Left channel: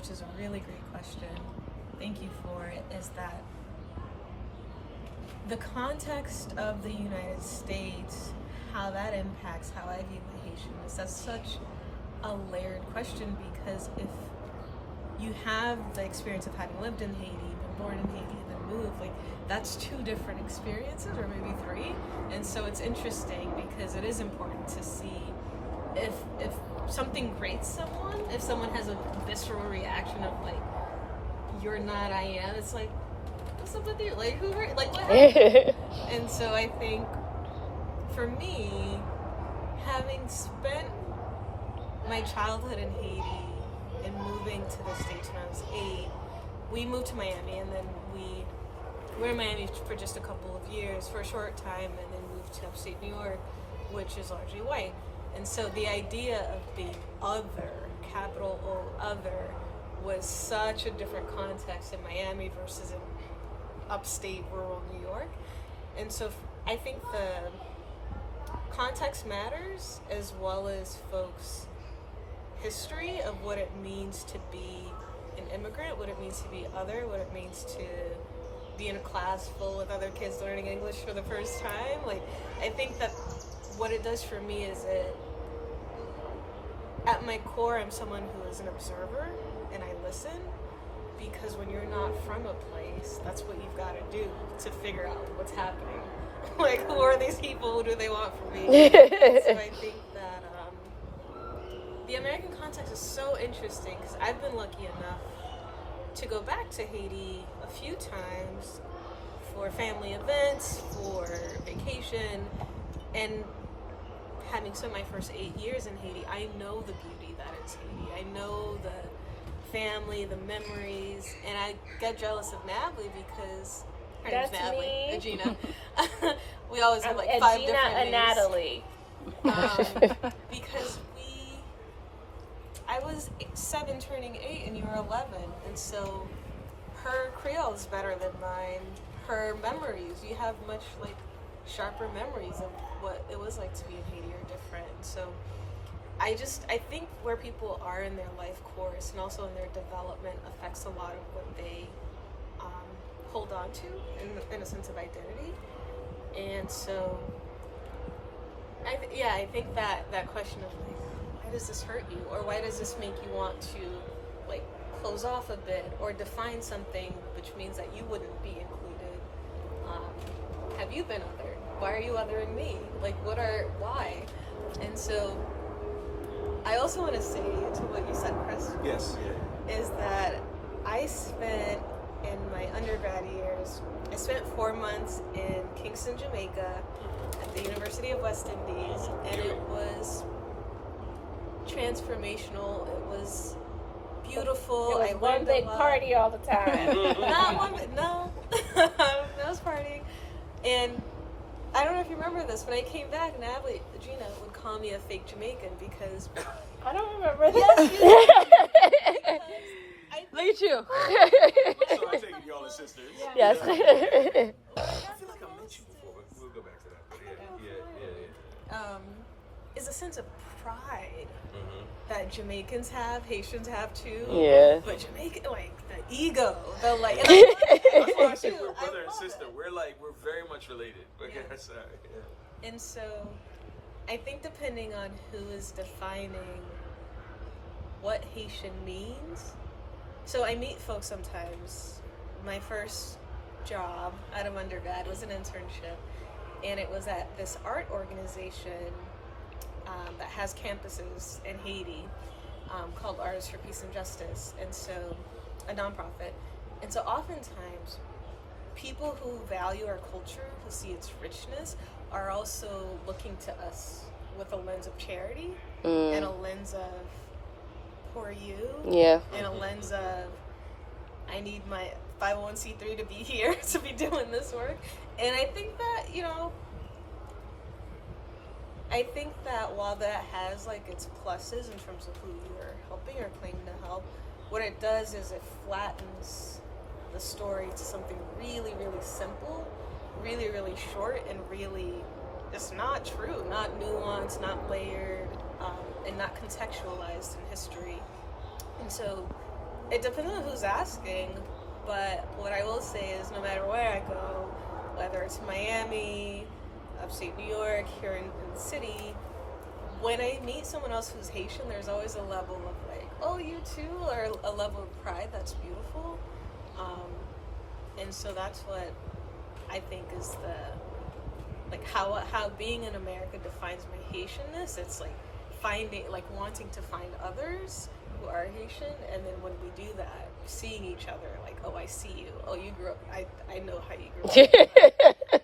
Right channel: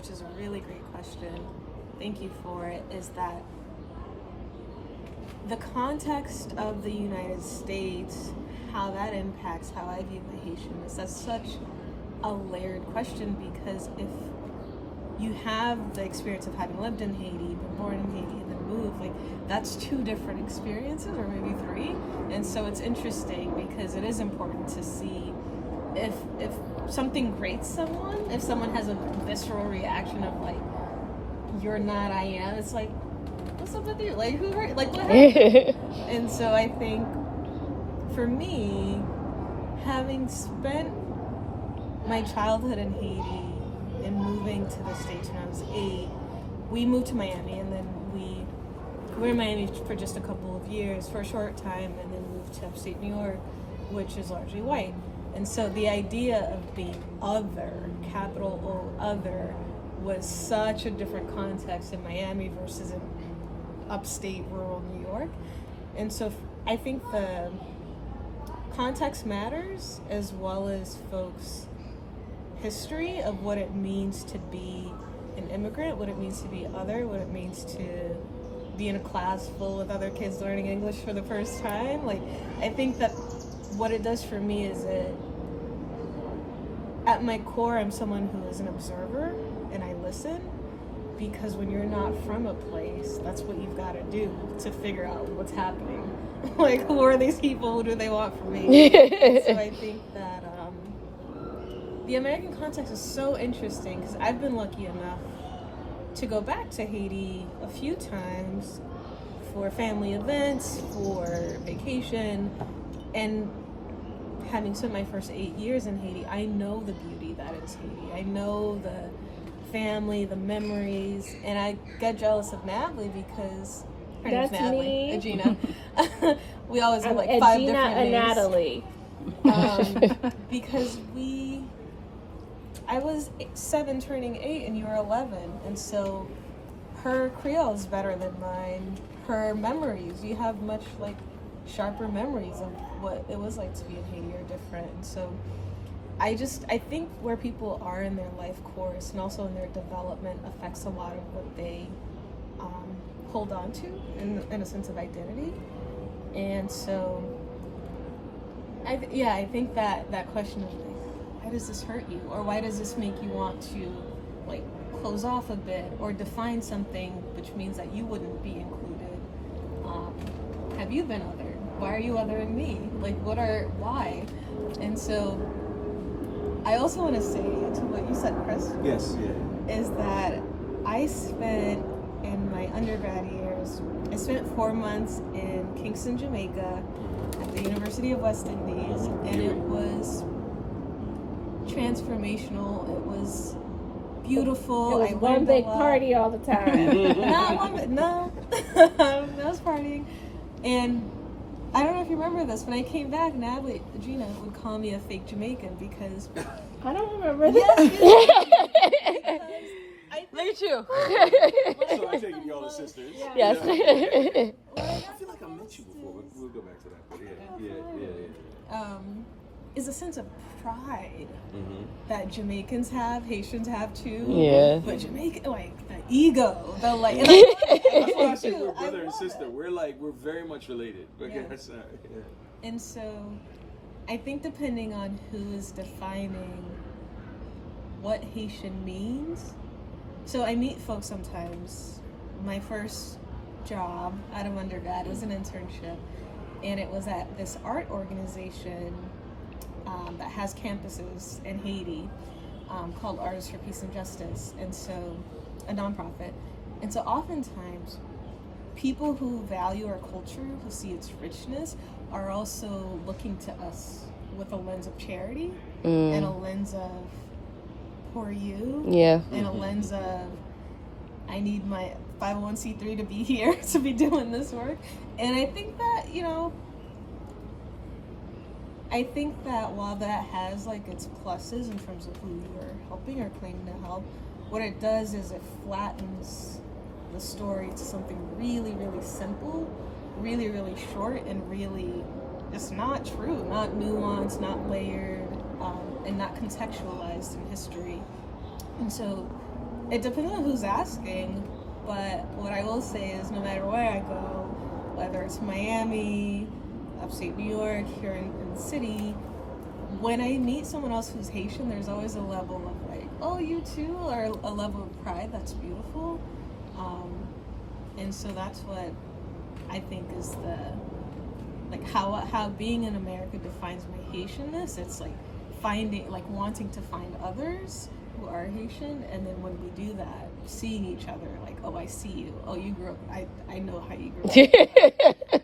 which is a really great question, thank you for it, is that the context of the United States, how that impacts how I view my Haitianness, that's such a layered question, because if you have the experience of having lived in Haiti, been born in Haiti, and then moved, like, that's two different experiences, or maybe three. And so it's interesting because it is important to see if something grates someone, if someone has a visceral reaction of like, you're not, I am, it's like, what's up with you? Like, who hurt? Like, what happened? And so I think for me, having spent my childhood in Haiti and moving to the States when I was 8, we moved to Miami, and then we were in Miami for just a couple of years, for a short time, and then moved to upstate New York, which is largely white. And so the idea of being other, capital O, other, was such a different context in Miami versus in upstate rural New York. And so I think the context matters, as well as folks' history of what it means to be an immigrant, what it means to be other, what it means to be in a class full of other kids learning English for the first time. Like, I think that what it does for me is at my core, I'm someone who is an observer and I listen, because when you're not from a place, that's what you've got to do to figure out what's happening. Like, who are these people? What do they want from me? And so I think that the American context is so interesting, because I've been lucky enough to go back to Haiti a few times for family events, for vacation, and having spent my first 8 years in Haiti, I know the beauty that is Haiti. I know the family, the memories, and I get jealous of Natalie because her name's Natalie, Agina. We always have like 5 different names. Natalie. Because I was 7 turning 8 and you were 11, and so her Creole is better than mine. Her memories, you have much like sharper memories of what it was like to be in Haiti are different. And so I think where people are in their life course and also in their development affects a lot of what they hold on to in a sense of identity. And so I think that question of like, why does this hurt you, or why does this make you want to like close off a bit or define something, which means that you wouldn't be included. Have you been othered? Why are you othering me? Like, why? And so I also want to say to what you said, Chris. Yes, yeah. Is that I spent in my undergrad years, I spent 4 months in Kingston, Jamaica at the University of West Indies, and it was transformational. It was beautiful. It was one big party all the time. Not one, but no. I was partying. And I don't know if you remember this, when I came back, Natalie, Gina, would call me a fake Jamaican because... I don't remember that. Yes, you did. Look at you. So I take it y'all are sisters. Yes. Yeah. I feel like I met you before. We'll go back to that. But yeah. Is a sense of pride that Jamaicans have, Haitians have too. Yeah. But Jamaican, like the ego, the like, and I that's why I say we're brother and sister. We're very much related. But yeah. And so, I think depending on who is defining what Haitian means. So I meet folks sometimes. My first job out of undergrad was an internship, and it was at this art organization that has campuses in Haiti called Artists for Peace and Justice, and so a nonprofit. And so oftentimes people who value our culture, who see its richness, are also looking to us with a lens of charity and a lens of poor you, and a lens of I need my 501c3 to be here to be doing this work. And I think that, while that has like its pluses in terms of who you're helping or claiming to help, what it does is it flattens the story to something really, really simple, really, really short, and really just not true, not nuanced, not layered, and not contextualized in history. And so It depends on who's asking, but what I will say is no matter where I go, whether it's Miami, upstate New York, here in the city, when I meet someone else who's Haitian, there's always a level of like, oh, you too, or a level of pride that's beautiful. And so that's what I think is the, like how being in America defines my Haitianness. It's like wanting to find others who are Haitian, and then when we do that, seeing each other like, oh, I see you. Oh, you grew up. I know how you grew up.